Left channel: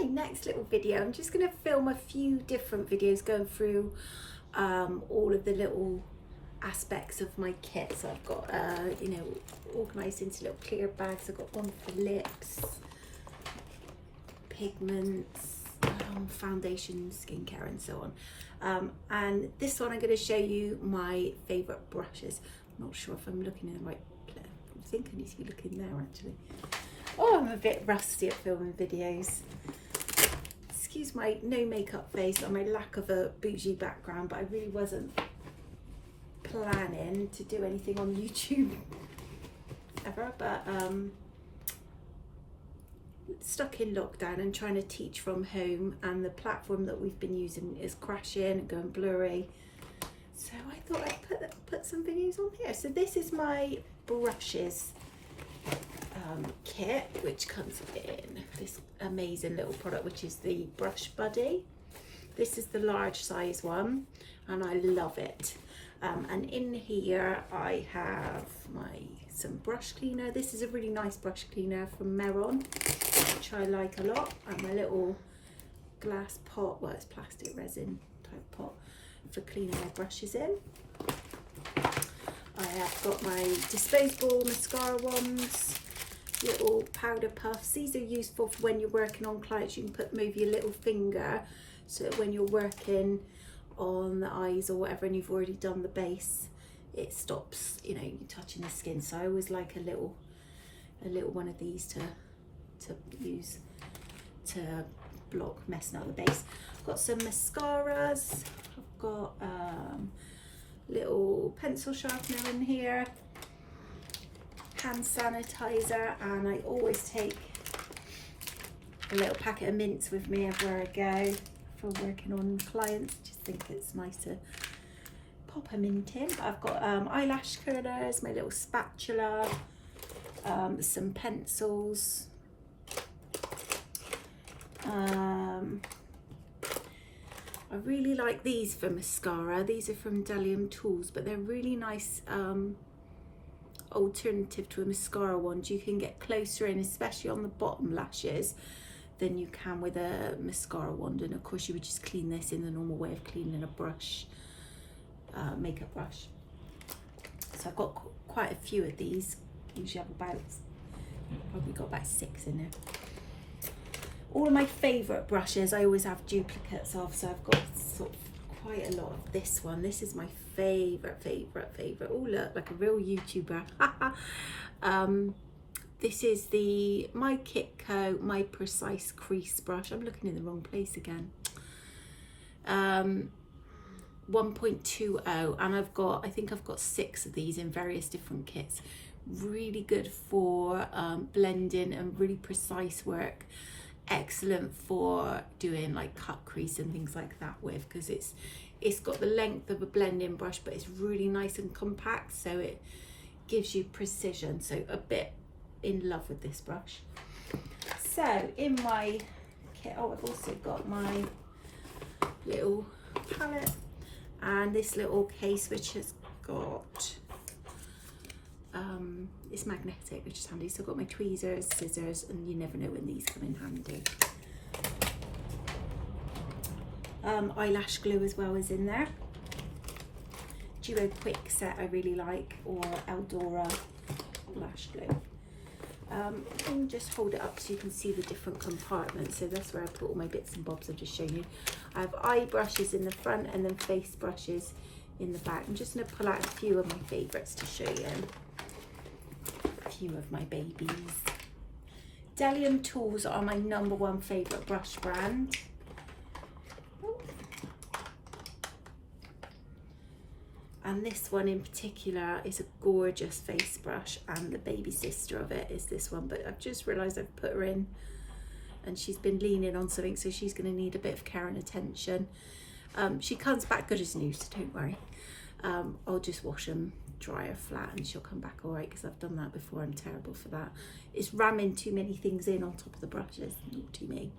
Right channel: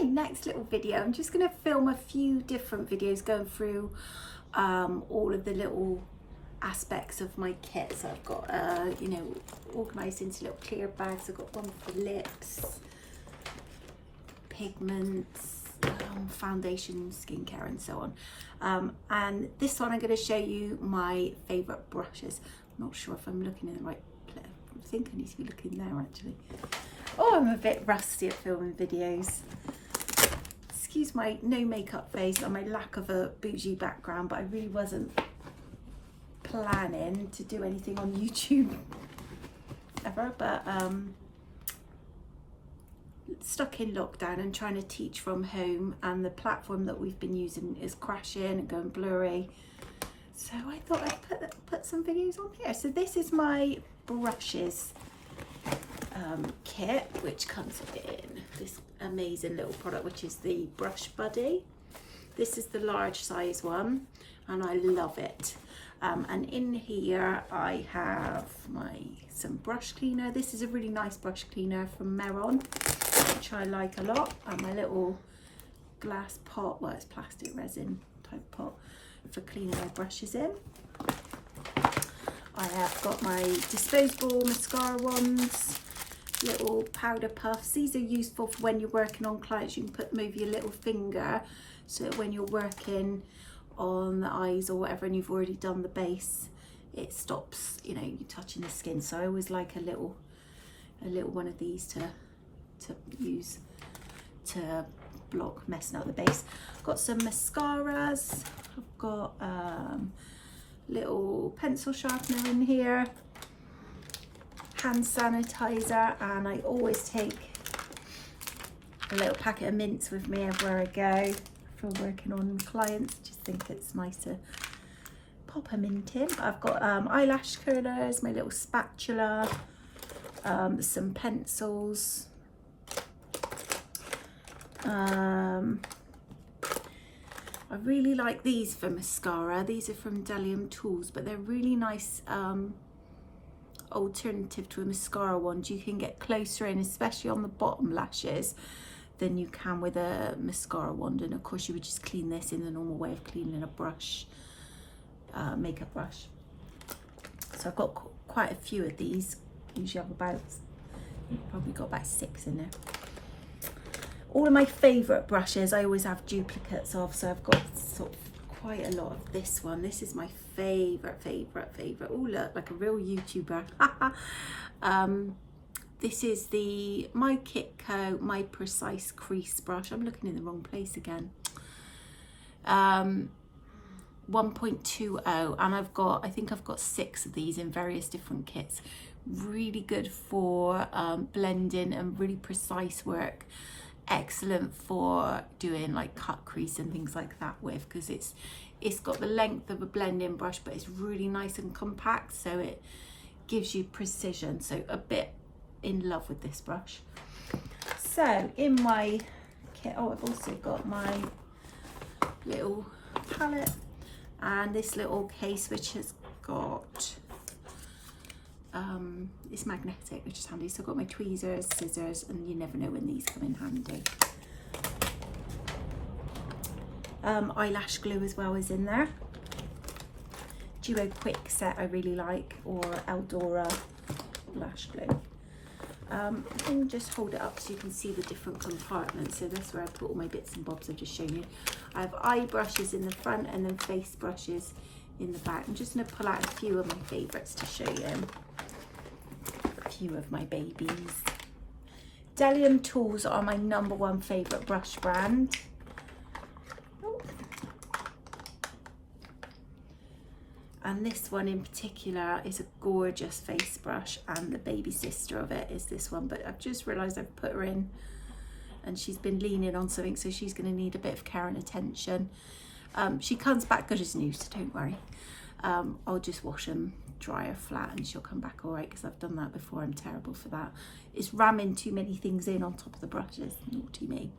Okay, next little video. I'm just going to film a few different videos going through all of the little aspects of my kit. So I've got, you know, organised into little clear bags. I've got one for lips, pigments, foundation, skincare and so on. And this one I'm going to show you my favourite brushes. I'm not sure if I'm looking in the right place. I think I need to be looking there actually. Oh, I'm a bit rusty at filming videos. Excuse my no makeup face and my lack of a bougie background, but I really wasn't planning to do anything on YouTube ever, but stuck in lockdown and trying to teach from home, and the platform that we've been using is crashing and going blurry, so I thought I'd put some videos on here. So this is my brushes kit, which comes in this amazing little product, which is the Brush Buddy. This is the large size one and I love it. And in here I have some brush cleaner. This is a really nice brush cleaner from Meron, which I like a lot, and my little glass pot, well it's plastic resin type pot for cleaning my brushes in. I have got my disposable mascara wands, little powder puffs. These are useful for when you're working on clients. You can put them over your little finger, so that when you're working on the eyes or whatever and you've already done the base, it stops, you know, you touching the skin. So I always like a little one of these to use to block messing up the base. I've got some mascaras. I've got little pencil sharpener in here, hand sanitizer, and I always take a little packet of mints with me everywhere I go for working on clients. Just think it's nice to pop a mint in. But I've got eyelash curlers, my little spatula, some pencils, I really like these for mascara. These are from Bdellium tools, but they're really nice alternative to a mascara wand. You can get closer in, especially on the bottom lashes, than you can with a mascara wand. And of course you would just clean this in the normal way of cleaning a brush, makeup brush. So I've got quite a few of these. Usually have probably got about 6 in there. All of my favourite brushes I always have duplicates of, so I've got sort of quite a lot of this one. This is my favourite. Oh look, like a real YouTuber. This is the My Kitco My Precise Crease Brush. I'm looking in the wrong place again. 1.20, and I think I've got 6 of these in various different kits. Really good for blending and really precise work. Excellent for doing like cut crease and things like that with, because it's got the length of a blending brush, but it's really nice and compact, so it gives you precision. So a bit in love with this brush. So in my kit, oh, I've also got my little palette and this little case, which has got it's magnetic, which is handy. So I've got my tweezers, scissors, and you never know when these come in handy. Eyelash glue as well is in there. Duo Quick Set I really like, or Eldora lash glue. And just hold it up so you can see the different compartments. So that's where I put all my bits and bobs I've just shown you. I have eye brushes in the front and then face brushes in the back. I'm just going to pull out a few of my favourites to show you. A few of my babies. Bdellium tools are my #1 favourite brush brand. And this one in particular is a gorgeous face brush, and the baby sister of it is this one, but I've just realised I've put her in and she's been leaning on something, so she's going to need a bit of care and attention. She comes back good as new, so don't worry. I'll just wash them, dry her flat, and she'll come back all right, because I've done that before. I'm terrible for that. It's ramming too many things in on top of the brushes, not to me.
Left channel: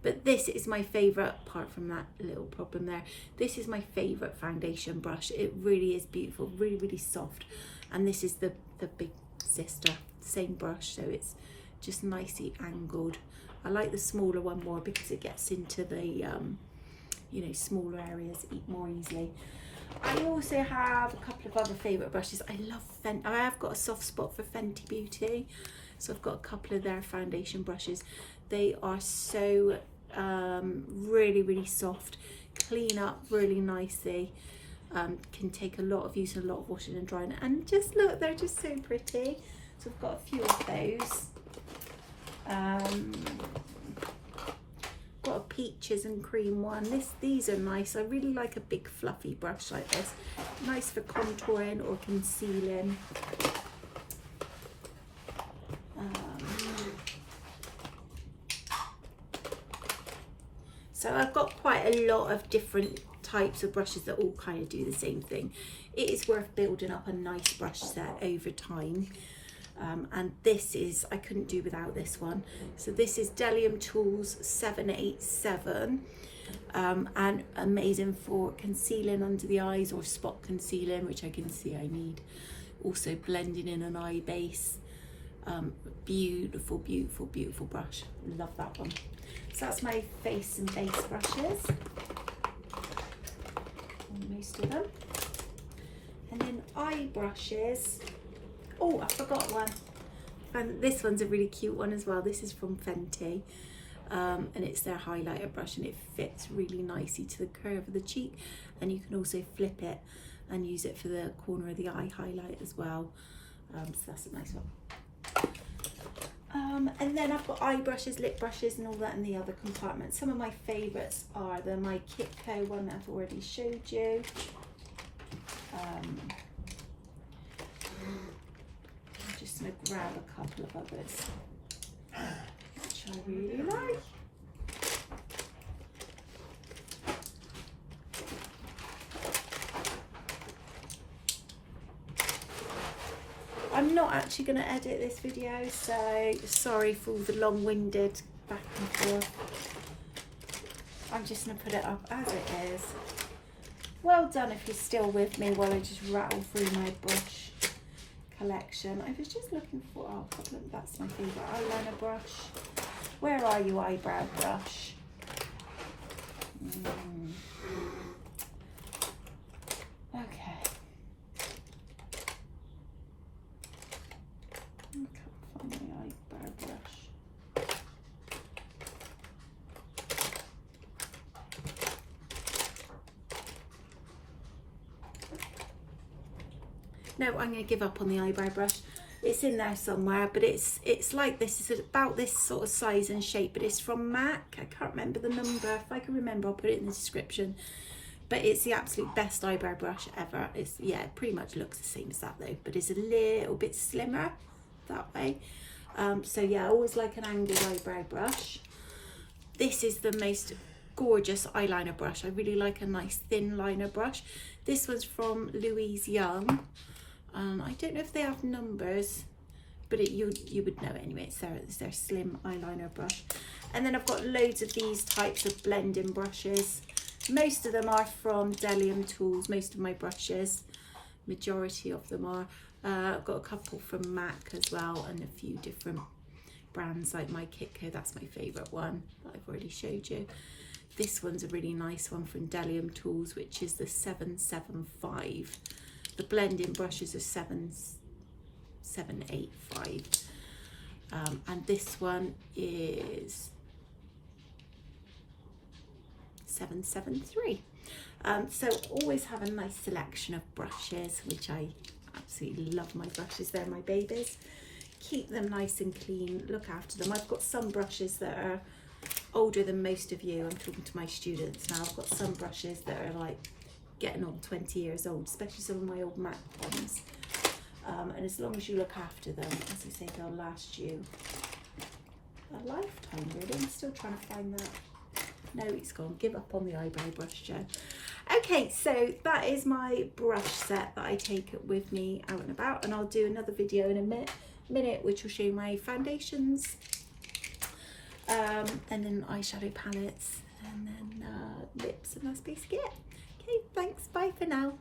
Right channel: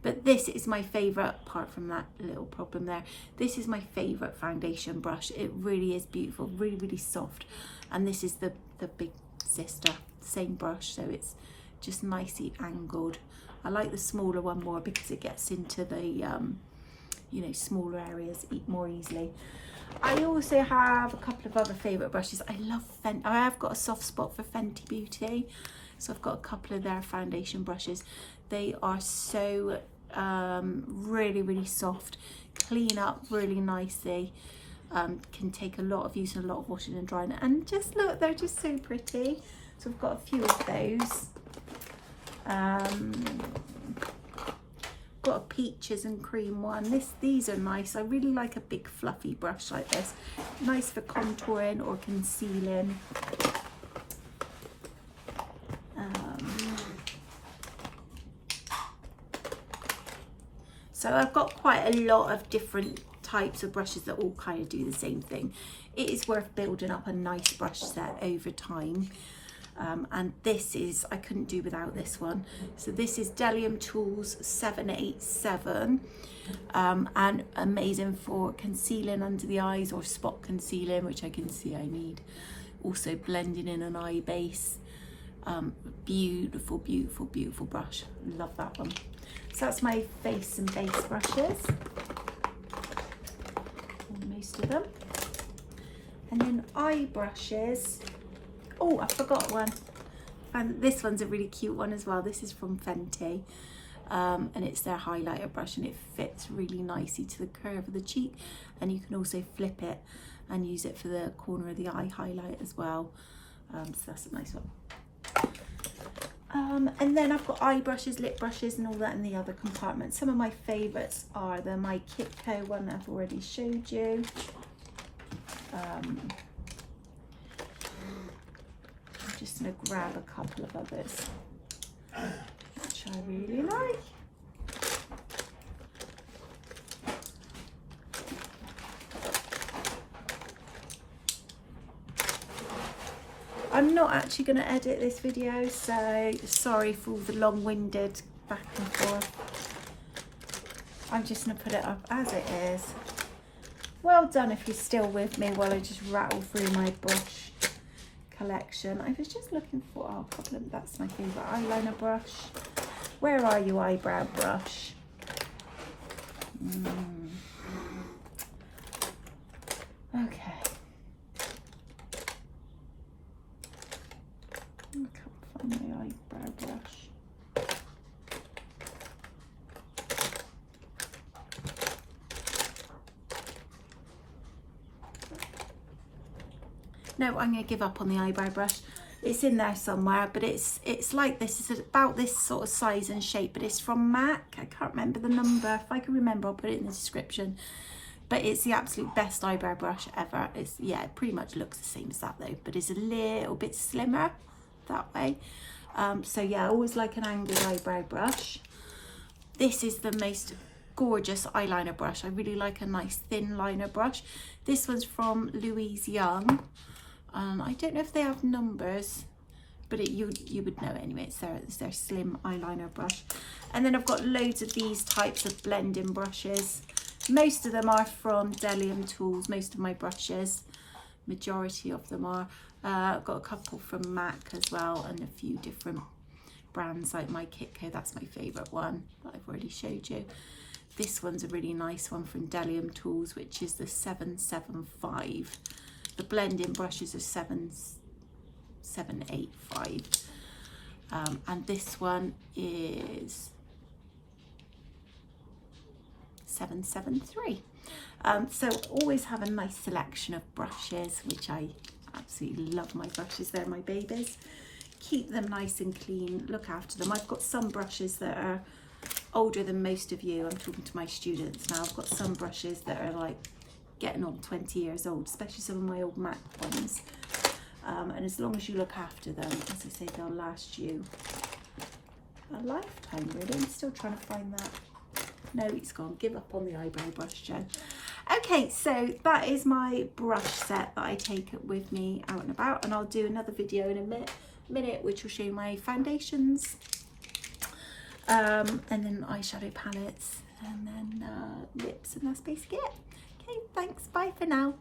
But this is my favourite, apart from that little problem there. This is my favourite foundation brush. It really is beautiful, really, really soft. And this is the big sister, same brush, so it's just nicely angled. I like the smaller one more because it gets into the, you know, smaller areas more easily. I also have a couple of other favourite brushes. I love Fenty. I have got a soft spot for Fenty Beauty. So I've got a couple of their foundation brushes. They are so really, really soft, clean up really nicely. Can take a lot of use and a lot of washing and drying. And just look, they're just so pretty. So I've got a few of those. Got a peaches and cream one. These are nice. I really like a big fluffy brush like this. Nice for contouring or concealing. So I've got quite a lot of different types of brushes that all kind of do the same thing. It is worth building up a nice brush set over time. And this is, I couldn't do without this one. So this is Bdellium Tools 787, and amazing for concealing under the eyes or spot concealing, which I can see I need. Also blending in an eye base. Beautiful, beautiful, beautiful brush. Love that one. So that's my face and base brushes. Most of them. And then eye brushes. Oh, I forgot one. And this one's a really cute one as well. This is from Fenty. And it's their highlighter brush, and it fits really nicely to the curve of the cheek. And you can also flip it and use it for the corner of the eye highlight as well. So that's a nice one. And then I've got eye brushes, lip brushes and all that in the other compartment. Some of my favourites are my Kitco one that I've already showed you. I'm just going to grab a couple of others, which I really like. I'm not actually going to edit this video, so sorry for all the long-winded back and forth. I'm just going to put it up as it is. Well done if you're still with me while I just rattle through my brush collection. I was just looking for, oh, that's my favourite eyeliner brush. Where are you, eyebrow brush? Okay. I can't find my eyebrow brush. No, I'm going to give up on the eyebrow brush. It's in there somewhere, but it's like this. It's about this sort of size and shape, but it's from MAC. I can't remember the number. If I can remember, I'll put it in the description. But it's the absolute best eyebrow brush ever. It's, yeah, it pretty much looks the same as that though, but it's a little bit slimmer that way. So yeah, I always like an angled eyebrow brush. This is the most gorgeous eyeliner brush. I really like a nice thin liner brush. This one's from Louise Young. I don't know if they have numbers, but you would know anyway. It's their slim eyeliner brush. And then I've got loads of these types of blending brushes. Most of them are from Bdellium Tools, most of my brushes. Majority of them are. I've got a couple from MAC as well, and a few different brands like my Kitco. That's my favourite one that I've already showed you. This one's a really nice one from Bdellium Tools, which is the 775. The blending brushes are 785. And this one is 773. So always have a nice selection of brushes, which I absolutely love. My brushes, they're my babies. Keep them nice and clean, look after them. I've got some brushes that are older than most of you. I'm talking to my students now. I've got some brushes that are like getting on 20 years old, especially some of my old MAC ones. And as long as you look after them, as I say, they'll last you a lifetime really. I'm still trying to find that. No, it's gone. Give up on the eyebrow brush, Jo. Okay, so that is my brush set that I take with me out and about, and I'll do another video in a minute which will show you my foundations, and then eyeshadow palettes, and then lips, and that's basically it. Okay, thanks, bye for now.